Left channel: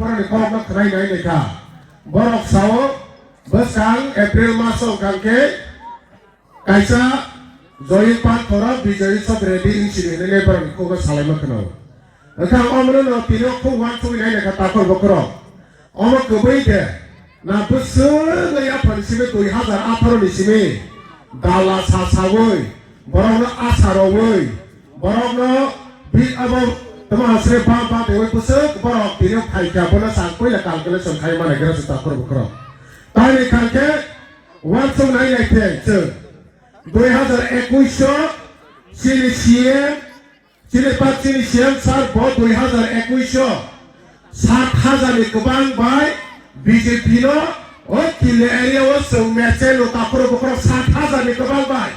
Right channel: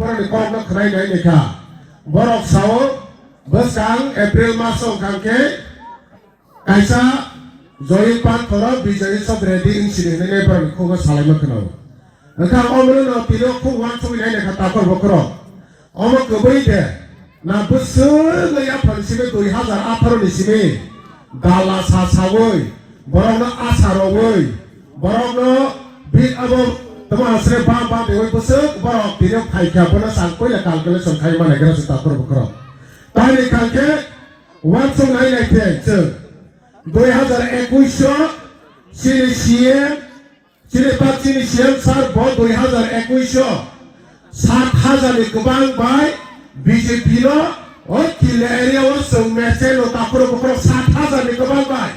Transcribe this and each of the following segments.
Pernah kau nak kerai naik nikah. Borok sawo besang April masuk kangke kaisa join pan koran bijari sab ready in sini ne bar ko ga salai makna. Engkau omno no tino ko wan sumi naik nikah takor bokro. Omo kebai de na besar laya pansime 2018 ni sini dala sasawoi borok no asarowoi borok no bi abo teman asre ba dewe besar borok tino kai ka bana sangkoi ya kalkule sonkai mana gara takor bokro. Tadi kalke wan sumi naik nikah 2021 sini siang sini pat sini siang saat bon 2021 7,000 ni kubang bay BJP lo और किले area वो सौम्यचे लो तापरो बकरो 7,000 ni kubang bay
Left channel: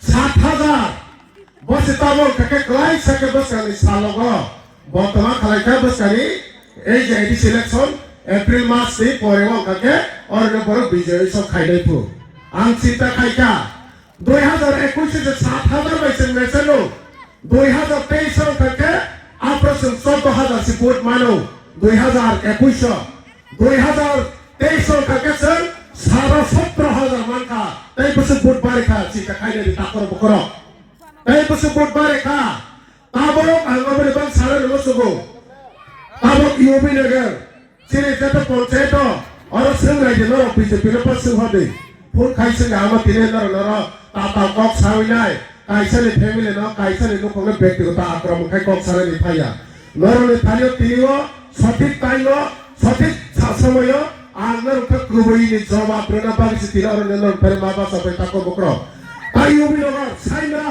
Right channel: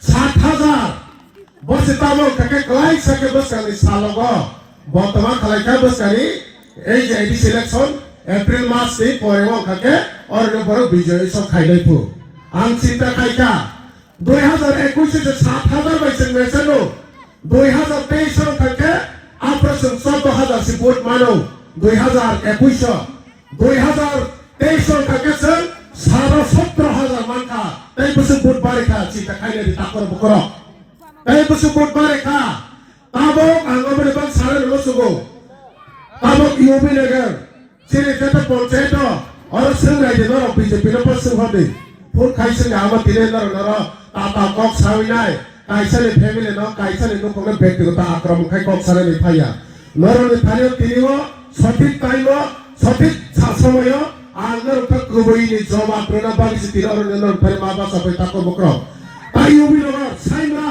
7,000 बस तामो कके क्लाइ सके बस कनी सालोगो बर्तमान खालाइका बस कनी এই যে এডি সিলেকশন এপ্রিল মাস से পরেও কাকে और বড় বিজয় সব খাইলে তো আং চিন্তা খাইকা 2021 से 7,000 বাইসে মেছেনো 2023 কাকে অপারেশন 14,000 से ভোট মানো 2021 2023 কাকে সর 17,000 মানকা তাই বসে ভোট বারেখা চিন্তা খাইলে তাকর বকর তাই বসে ভোট বারেখা তাবো আঙ্গবরে বাং সারা নসুগো তাবো ইউবি নগর जेरै जेतो पंचायत और संगाय देनो बीजेपी रे पास होदे फुल खाइसे गामा तिरे नर नर ताता कक साविनाय काइसने फैमिली न काइसने को कोनो व्यक्तिगत आक्रमण खाइ कक सारे नि फाया नरले फायो तिनिओ सठिक टाइम सठिक समय आंगर का कुबैनि जवाब प्रेरणा बारिस तिरर नर फेर माबा सबै ताको बक्र आयुबि नगर साइना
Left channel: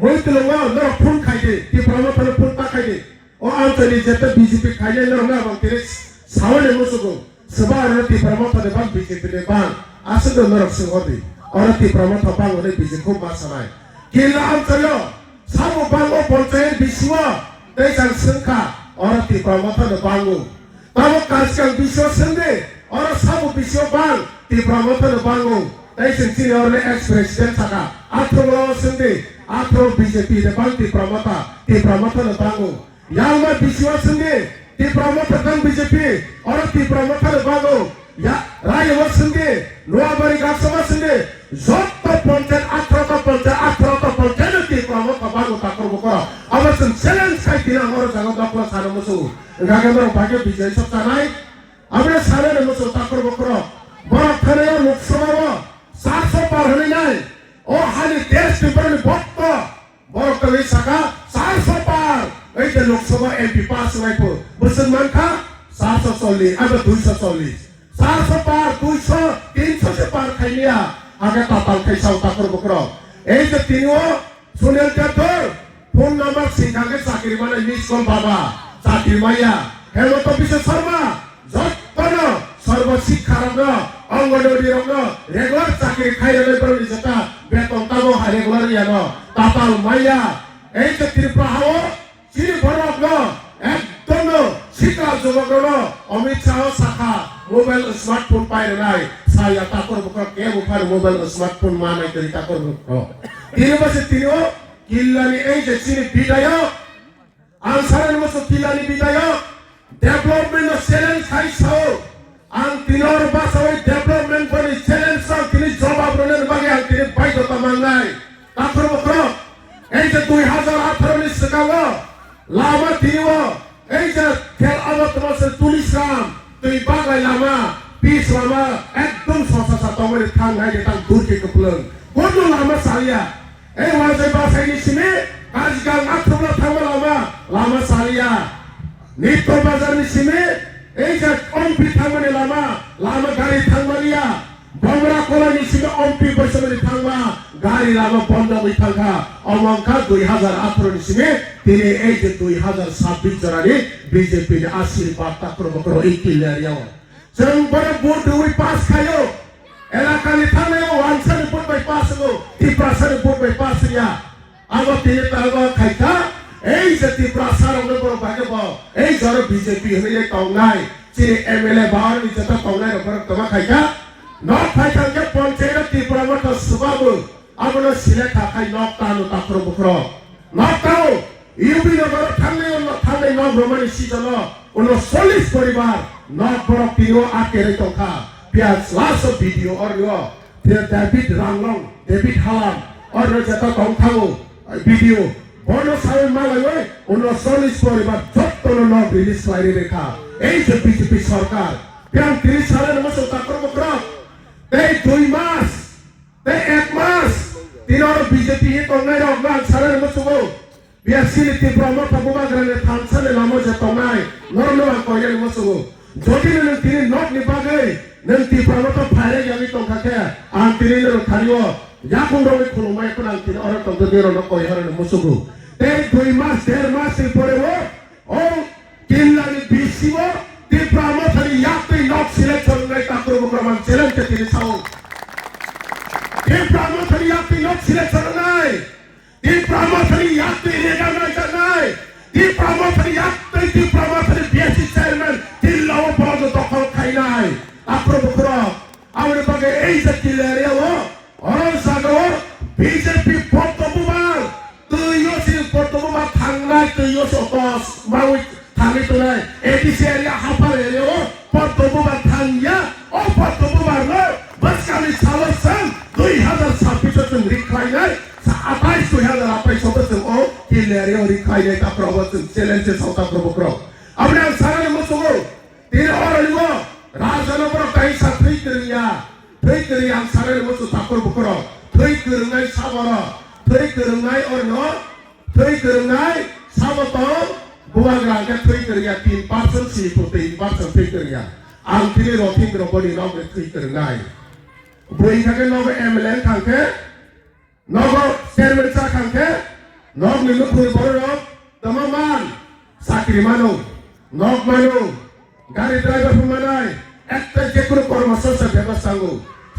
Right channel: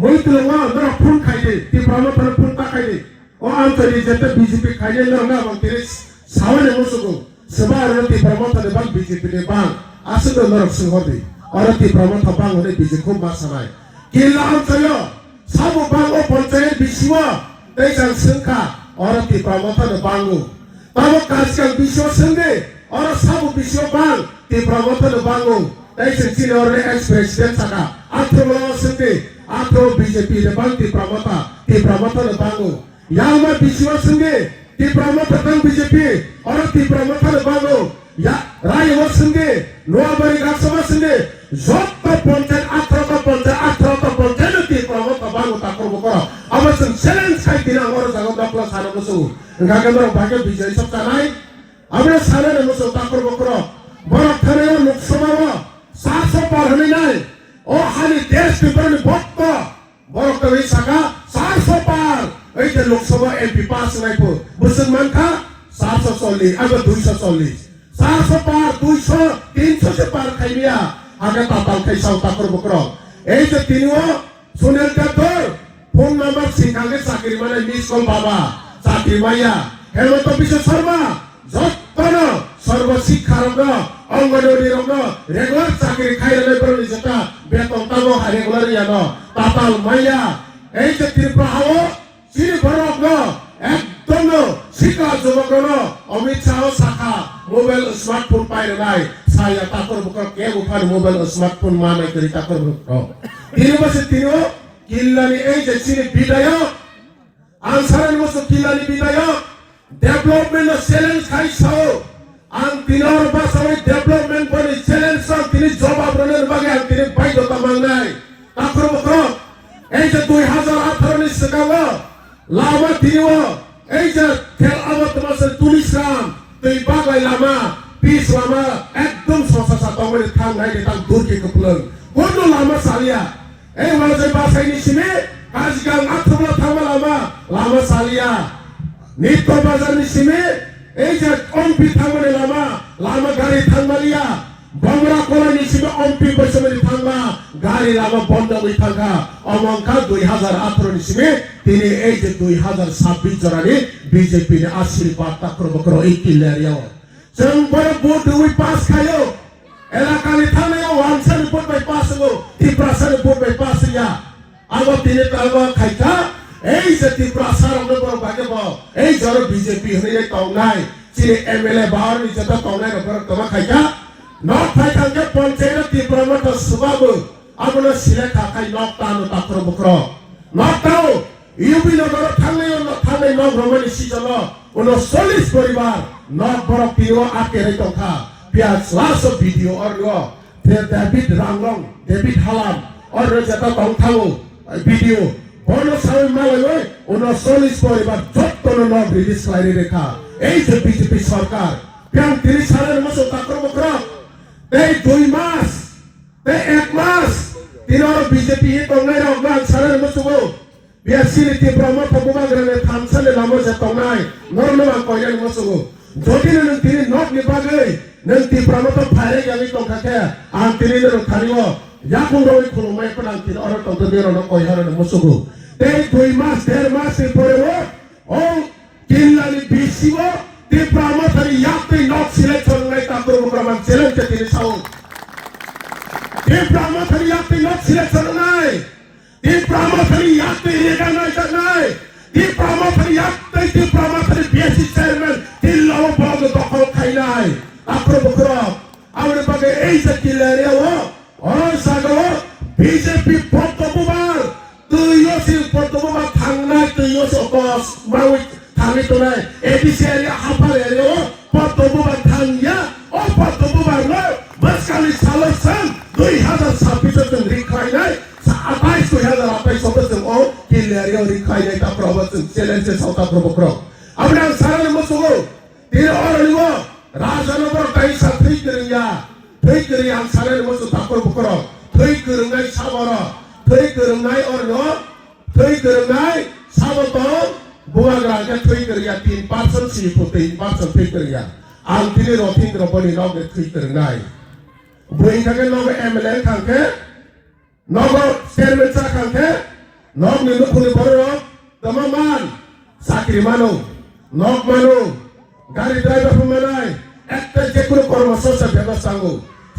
मोइतलंगा नर फुल खाइदे ति प्रमोटर फुल ताखाइदे ओ आंतरि जेते बीजेपी खाइले नर ना बंतिरे सावने मुसुको सबा अरती promote de bang BJP de bang asudo norok singodi अरती promote bang hore BJP ko masanai kila antyo sabu bang o panchayat biswa teisang sengka अरती promote de bangu tabo karskang biswa sende और sabu biswa bang ti promote de bangu teisang sini ore ex president saka atro sende atro BJP de bang ti promote de bangu yalma biswa sende ti promoter kan BJP orang ti promoter bago ya rai wasenge luar bari gaksama senge jotta ponten atrata ponten ti promoter bago takor bokoro amasun challenge sai dina ngoro jaga dakla sara musu ngaga mero bage bijay satanai amre sara musu takor bokoro borak thane loksabha 700 par hone nai o hali desh people bokto borak tari saka 700 par এই যে Lok Sabha MP pass ribo মুসলমান কা 740 আবার 240 400 পার 200 300 से पार खाइलिया आगे ताताल खाइसाव ताकर बकरो এই যে তিনিও সুনীল কাতর ফোন নাম্বার সিংহাঙ্গে চাকরি মানে মিস কল বাবা চাকরি মাইয়া হেমন্ত বিশ্ব শর্মা যতন সর্ব শিক্ষারঙ্গ অঙ্গনওয়াড়ি রঙ্গ রেগুলার চাকরি খাইলে প্রবলি যেটা বেতন তাবো রেগুলার ইয়ানো তাতাল মাইয়া এই যে ত্রিপুরা হাও Sini borok no, ekdom no, sika jumok no, Amit Shah saka, mobile smartphone pai renai, saya takor bukan ke bukan mobile smartphone mana dari takor bukan. Ini masih tino, kilani aja sini bidaya, ansar masuk kilani bidaya, development no challenge kai sao, ang tinor basawai development pun challenge sang tini jawab benar bagi ang tini baik atau mangai, takor bukan, aja 2018 ni sekarang. Lama tiwa, aja ker awat masih tulisan, tui bagai lama, pis lama, ekdom sosa satu meri kang hai ditang durki kepulang. Bodoh lama salia, wajib bahasa ini sini, kasgang aktor lama, lama salia. Nito bazar ini sini, aja ompi thangmane lama gari thangmalia. Bamra kola ini sini ompi bersama thangma. गाड़ी लामा बंद हुई था अवंका 2018 नि सिमे तिनी এই যে 2026 জরানি BJP নে আশীর্বাদ তাকর বকর এই কিলারিয়া जों बड़ भोट हुई पास खायो एलाकानि थांनायाव वानसानि भोट बाय पास गो तिप्रासानि भोट बाय पास या आमा तिने ताबा खाइका এই যে तिप्रासाराव ने बड़ बागे बा এই जर বিজেপি हने काउनाय चिनि एमएलए बाहर नि जता काउनाय रबर तमा खाइका न खाइका पंचायत तिप्रामत सुबाबो आमनो सिले खाखाय नक्तानो ताक्रो बुक्रो नक्ताओ युबि नगर थांनाय न भ्रमनि सिजन 40 পরিবার নক বড় তিও আটকে রেখা পিয়াস লাস্ট ভিডিও আর ডেভিড রাংলং ডেভিড হালাম আর যেটা কংথাও ভিডিও বড় সামনে মালয় 40 পরিবার যত্ন নক রিলিজ করে রেখা এই যে বিজেপি সরকার পিয়াং 30 সালের মতো তাকর বকরা এই 2 মাস এই 1 মাস তিনর বিজেপি তংনাই রগনা সালের মতো বিএসসি ব্রহ্ম প্রভুবাগ্রানে থানসালে লামো যে তংনাই নরনমান কইনাই মতো যদি নং তিনি নট নিবাগৈ নং তি ব্রহ্ম ফাইরে গাবি তংখাকে আং তিনি নং খারিও याकुं रवि खुलुमाय पनां तिन अर तंग बेरो न कयहर न मुसुगु ते 2 मास 1.5 मास परे वो ओ किल्लानि बिसिबो ते प्रामथरि याक्तै नक सिलेक्शन नाय ताक्रो प्रमाण चेलेंज के तिनि साउ ते प्रामथरि याक्तै नक सिलेक्शन नाय ते प्रामथरि याक्तै रेगा नाय नाय ते प्रामथरि बिएससी चेयरमैन किल्लाव पराग दखल खाइनाय ताक्रो बखरो आउरे बागे एई जे किल्लारे वो orang sagro BJP portobubar tuyo si portobubar thangnai tuyo sotos mau thangi tunai ADC area hapar area portobubar thangya o portobubar lo baskali salosan 2026 jun rikhainai 28 2028 o kil area rikhainai ta province challenge sota probokro abnang saran musugo tin oraliwo rajanapur kai satri kriya थै गोरों सारे मोसौ ताकर Booker थै गोरोंनाय साबरा थै गोरोंनाय अरनो थै गोरोंनाय साबत बुवाग्रा के थै गोरोंया 3% 3% थै गोरोंया आं तिनि रथिं रबनि नाव थै गोरोंनाय बुइ थाके नाव एमएलए खांखे नाव चेयरमैन सा खांखे नाव निनु खुनि बरो तमामान साख्रि मानु नाव मानु गाड़ी ड्राइवर फुमानाय একটা যে কোনো কর্মসংস্থান ব্যবস্থাঙ্গ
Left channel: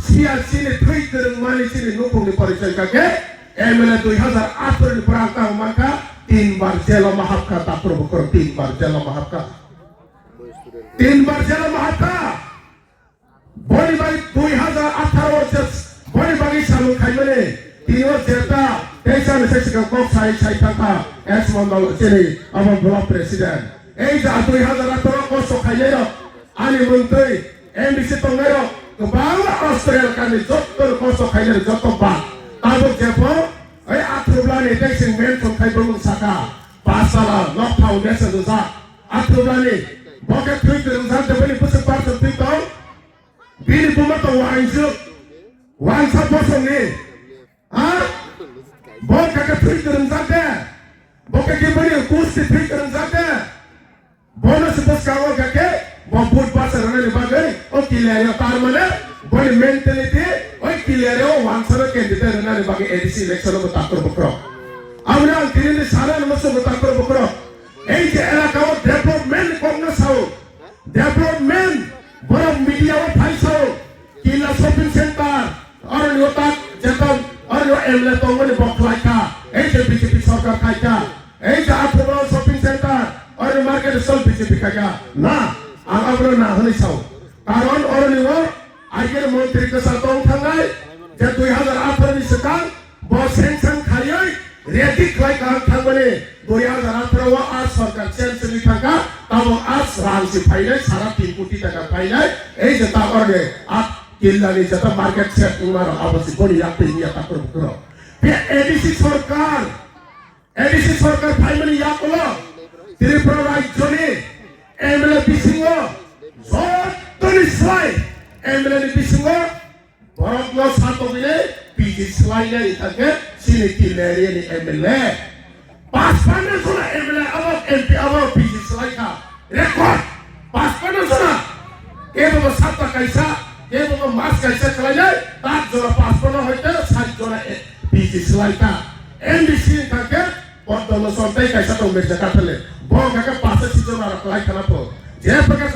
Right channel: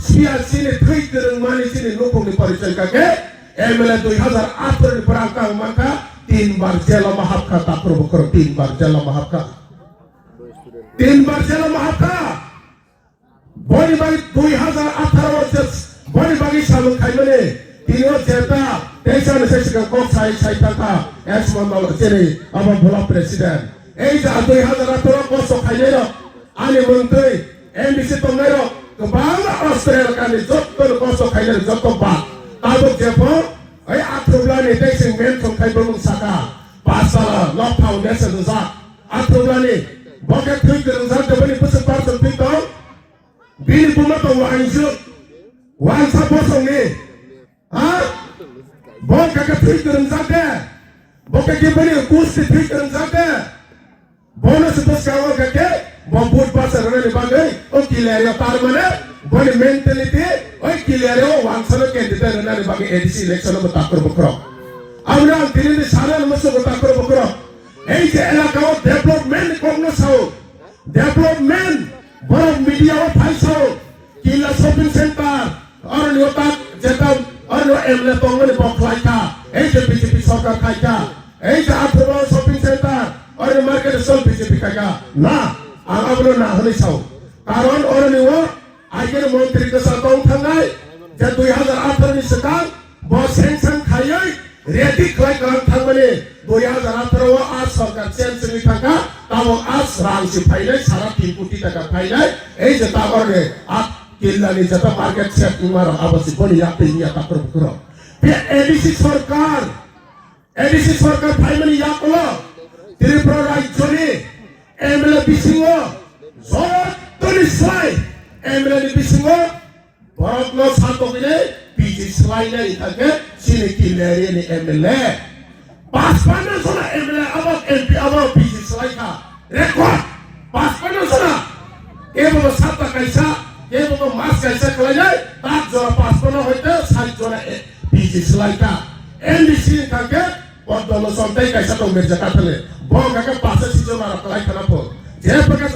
সিয়াসিনে থৈ গোरों मानिसिनि नखंनि परिचय काके एमएलए 2008 नि प्रांता मानका 3 बार जेल महाबका ताक्रो बकर 3 बार जेल महाबका 3 बार जेल महाबका बनि बाई 2018 वर्ष बनि बागी सालुं खाइमने तिनो जेता तेसा नेसेसिका कक साइ साइताका एस मंडल जेरै आबा भोला प्रेसिडेंट এই যে 2018 वर्ष खाइनाय आनि मन्त्रि एमबिसि तंगायो गोबां अस्ट्रेलिया कानि जत्तो खस्थ' खायनो जत्तो बा ताबो जेफो ओइ आथ्रुब्लानि दैसिं मेन थंखायबो साका पासाला ल फाउन्डेसन जा आथ्रुब्लानि बके थै गोरों जा दबनि बोसो पारसन पितो बिनि बुमतो वांसा बोसंनि हा बके थै गोरों जा दे बके के बनि कुस्ति थै गोरों जा दे bonus bersama kakek membuat pasar orang dibangun oh kilario tarmana boleh mentality oh kilario wangsana candidate orang dibangun edisi election bertakar bukro awalnya kini sana masuk bertakar bukro eh je elakau development kongres sao development borang media wa thai sao kila shopping center orang yotak jatau orang emle tongmen boklai ka eh je BJP sarkar khai ka eh je athura shopping center और market सब BJP का क्या ना आगामरो ना होने साव कारण और निवो आइके मंत्री के साथ थांनाय जे 2008 नि सिगां बो सेंसन खायै रेडी खाय का थांबने 2018 व आज सरकार सेंसन नि थांगा ताबो आज रांसि फाइनाय सारा 3 कोटी टाका फाइनाय এই যে তাবরে আট কিল্লানি যত মার্কেট সেট উমার আবাসি বলি याते নিয়া তাকর কর পে এডিসি সরকার ফাইনালি ইয়াকলো त्रिपुरा राज्यनि एमएलए बिसिङो जत्तनि स्लाय एमएलए बिसिङो बरकनो सातोगिने बिजि स्लायनाय थाके सिनि किलेरिनि एमएलए पासपाना सना एमएलए अब एमपी अब बिजि स्लायका रेकर्ड पासपाना सना केबो सातटा कायसा केबो मास कायसा खलायनाय ताक जरा पासपाना होइते 60 जरा बिजि स्लायका एमडीसी थाके पदल सन्ताय कायसा दं मेजा काथले bong kakak pasal situ lara kelai kenapa? Dia bekas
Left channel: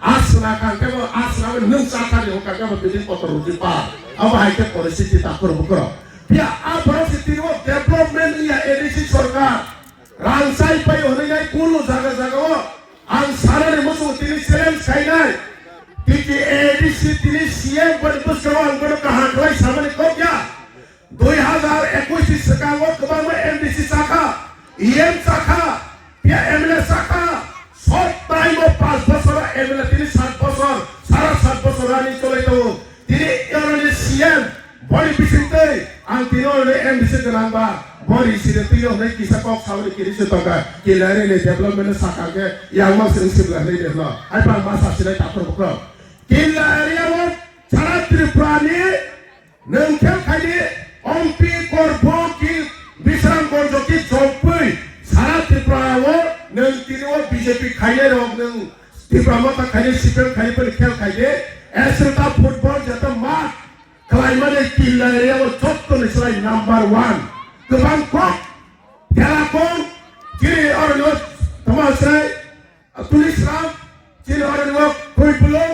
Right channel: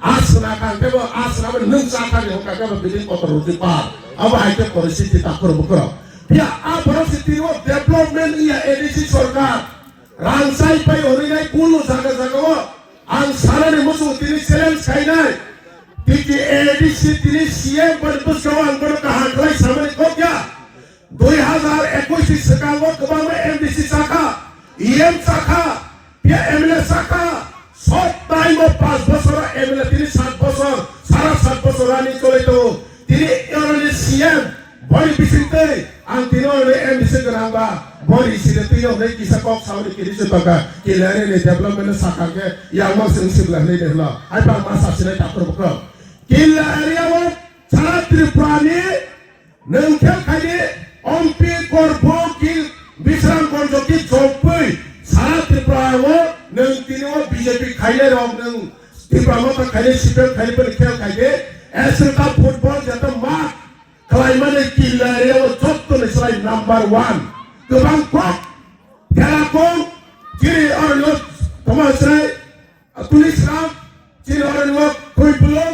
asna kan, kebo asna men sakar yang kakak berpilih kotor ruti par. Apa itu polisi kita kerbuka? Dia apa sih tiru development ia edisi sorkar. Rangsai pai orang ini kunu jaga wo. Angsara ni musuh tiri selen kainai. Tiki edisi tiri siap berbus kawan berkahan kelai sama ni kau ya. 2021 sekarang wo kebama MDC saka. IM Saka, Pia ML Saka, time of 5 বছর MLA তিনি 7 বছর সারা 7 বছর রানি চলে যাব তিনি MLA CM বড়ি বিচিতে আং তিনি ওরে এমডিসি গনাংবা বড়ি সিরে তুই ওরে কিসা কক সাউরি কিরিসে তকা কিলারে নে ডেভেলপমেন্ট সাকাকে ইয়াংমা সিরিসিবলা নে দেলা হাইপার মাসা সিরে তাকর বক কিলা এরিয়া ওয়ান সারা ত্রিপুরানি नोंखेम खायदि अम्पि करब कि बिश्राम गंज कि जपै सारा त्रिपुरायाव नों तिनिव बीजेपी खायले रक नों त्रिपुरायाव खायदि सिपिएम खायदि खेल खायदि एसटा फुटबल जत मात खालायमाने किलायाव जत्तनो सालाय नाम्बार 1 गोबां कक खेलाखौ जेरै अरनो तमासाय तुलिस्राम जेरै अरनो कुइपुलो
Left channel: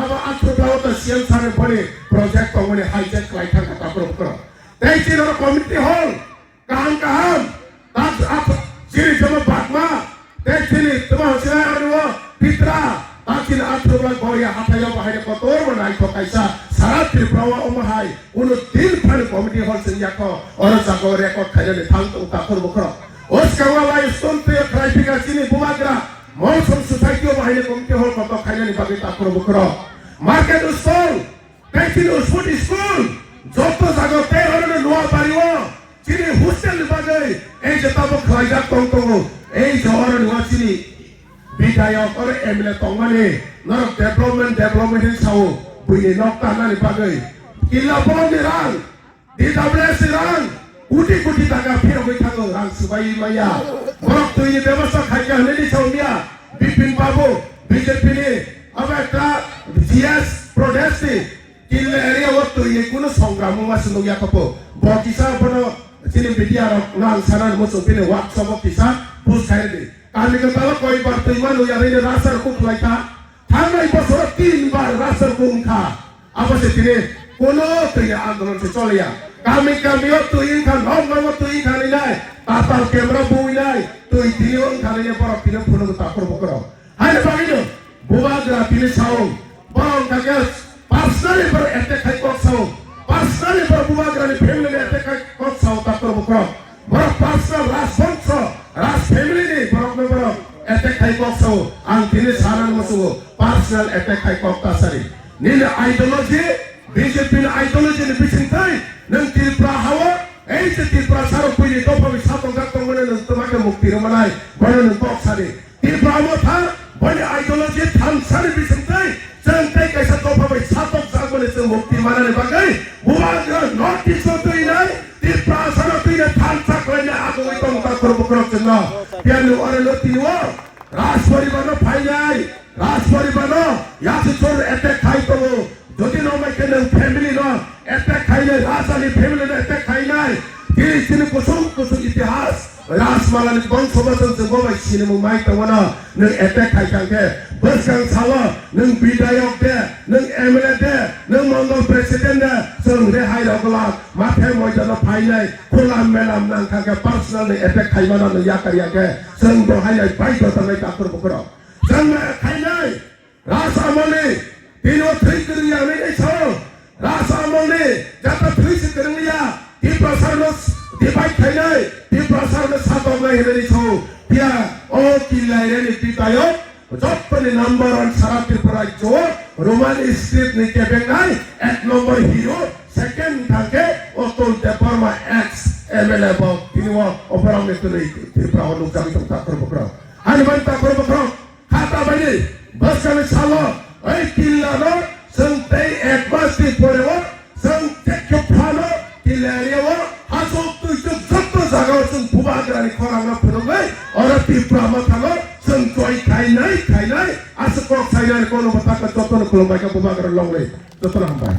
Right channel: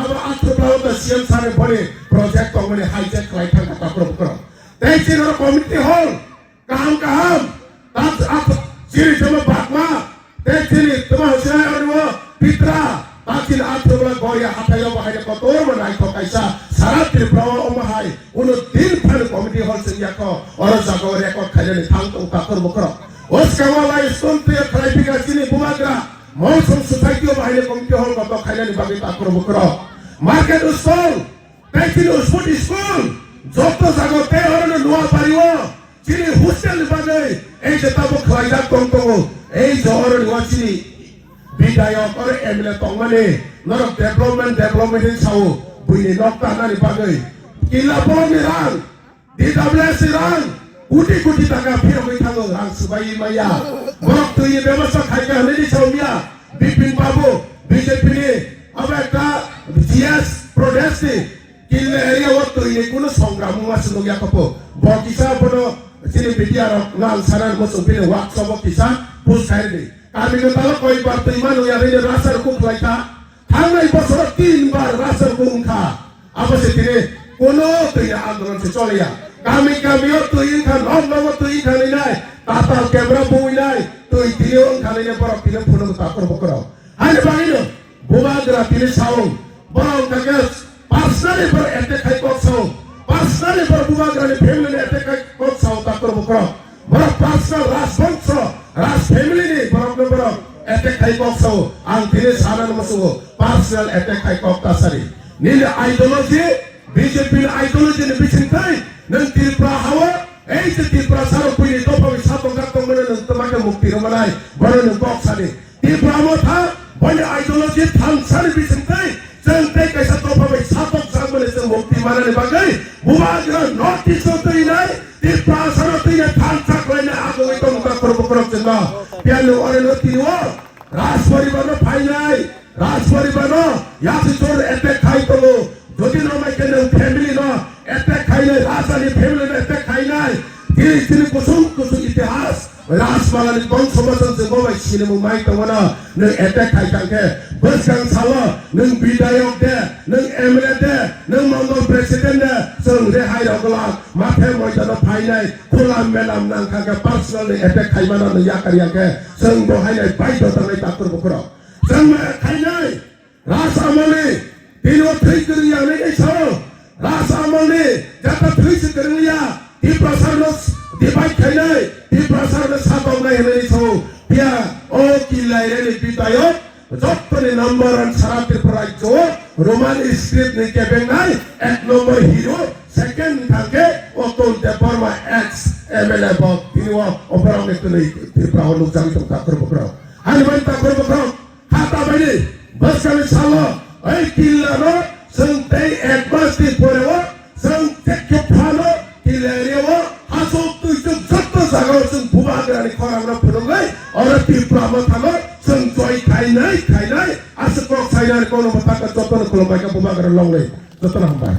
अब आत्मप्राव त सीएम सारे बड़े प्रोजेक्ट को मैंने हाईजैक लाइटा का प्रोग्राम करो तेजी और कम्युनिटी हॉल काम ताज आप सीरी जब बातमा तेजी तुम्हारे से और वो पित्रा ताकि आत्मप्राव गोरिया हाथायो बाहर को तोड़ बनाई तो कैसा सारा त्रिपुरा ओमहाई उन दिल फल कम्युनिटी हॉल से याको और जागो रेकॉर्ड खाने थांग तो उतार बुकरो उसका वाला स्कूल पे ट्राइपिंग सीनी बुमाग्रा मौसम सोसाइटी बाहर कम्युनिटी हॉल को तो खाने बाकी तार बुकरो मार्केट स्टॉल तेजी फूड स्कूल যত জায়গাতে হরনে নোয়া পারিও চিনি হোস্টেল বাগে এই যে তাব খাইজা তংতঙ্গ এই জহর নোয়া চিনি বিধায়ক করে এমএলএ তংমানে নর ডেভেলপমেন্ট সাও বুইনি নকটা নানি বাগে কিলা বনি রাং ডিডব্লিউএস রাং কোটি টাকা ফের হই থাকো রাং সুবাই মাইয়া বরক তুই ব্যবস্থা খাইকা হলেনি সাউমিয়া বিপিন বাবু বিজেপি নি अब একটা জিএস প্রোডাক্টে কিলে এরিয়া ওয়াট তো এই কোন সংগ্রাম মাসলো ইয়া কপো বকিসা বড় চিনি বিটিয়া না সারার মসো বিলে ওয়ার্কশপ কিসা পুস খাইরে কামিকে তালো কয়বার তো ইমান ইয়া রে রাসার কো খাইতা থামলাই বছর 3 বার রাসার কুমখা আবসে তিরে কোন তো ইয়া আন্দোলন সে চলেয়া কামিও তো ই খান নব তো ই খানি নাই তাতার ক্যামেরা বুই নাই তো ই দিও খানি নে বড় তিরে ফুলো তাকর বকর হাইরে বাগিনো বুমাগ্রা তিরে সাও বড় তাকে পার্সোনালি पर अटैक है को साउ पर्सनली पर बुमाग्रा ने फैमिली ने अटैक है को साउ ताकर बकरो बड़ा पर्सनल राज फैमिली ने बड़ा अटैक है को साउ आं दिने सारान मसु पर्सनल अटैक है को तासरी नील आइडियोलॉजी बीजेपी आइडियोलॉजी ने बिचिंताई नंग त्रिपुरा हावा এই যে त्रिपुरा सारो पुई तो पवि सातों गातों मने न तमाके मुक्ति रमलाई बड़े न बॉक्स सारी त्रिपुरा मो था बड़े आइडियोलॉजी थान सारी बिचिंताई संते कैसा तो पवि सातों सांगमने से मुक्ति मारने बागई बुमाग्रा नोटिस तो इनाई त्रिपुरा सारो तो ये थान साक लेने आगो तो मुका करो चंदा प्याने वाले न तीवा राजपरी बनो फाइनाई राजपरी बनो यासी चोर अटैक खाई तो वो যদি নো মেকে ন ফ্যামিলি নো अटैक খাইলে রাজধানী ফ্যামিলি নো अटैक খাইনাই তিনি কুসুম ইতিহাস রাজমালানি কোন সমাজন যে বমাই সিনেমু মাই তওনা নং अटैक খাইকাকে বসকাং সালো নং বিধায়ক দে নং এমএলএ দে নং মন্ডল প্রেসিডেন্ট দে जों রেহাই রগলা মাথে ময়দান ফাইনাই খোলা মেলাম নাং কাকে পার্সোনালি अटैक খাইমানা নং ইয়াকারিয়াকে जों বহাইনাই বাইতো তানাই তাকর বকর जों খাইনাই রাজমালানি तीनों थ्री करिया नहीं छोड़ो रासामोने जाता थ्री से करिया ती प्रसारनस डिवाइड खाइनाय ती प्रसारनस सातों नहीं नहीं छोड़ो पिया ओ किलायरे ने पितायो जपने नंबर 1 सारा त्रिपुरा जो रोमन स्क्रिप्ट ने के बेनाई एक नंबर हीरो सेकंड थाके ओतोल देपरमा एक्स एमएलए बो तीनों ओपराव ने तो त्रिपुरा लोग जानी तो ताकर बकरा हानि बन ताकर बकरा खाता बैले बस का सालो ay kilano sante ekbasti porewo sante kepano kilerewo haso tu jotto jaga sung bumagra ni khorangna phurungai ora tipra ma thago sung choi khainai asko khainai kono mata ka jotto kolomai ka bumagra longle jotto hambai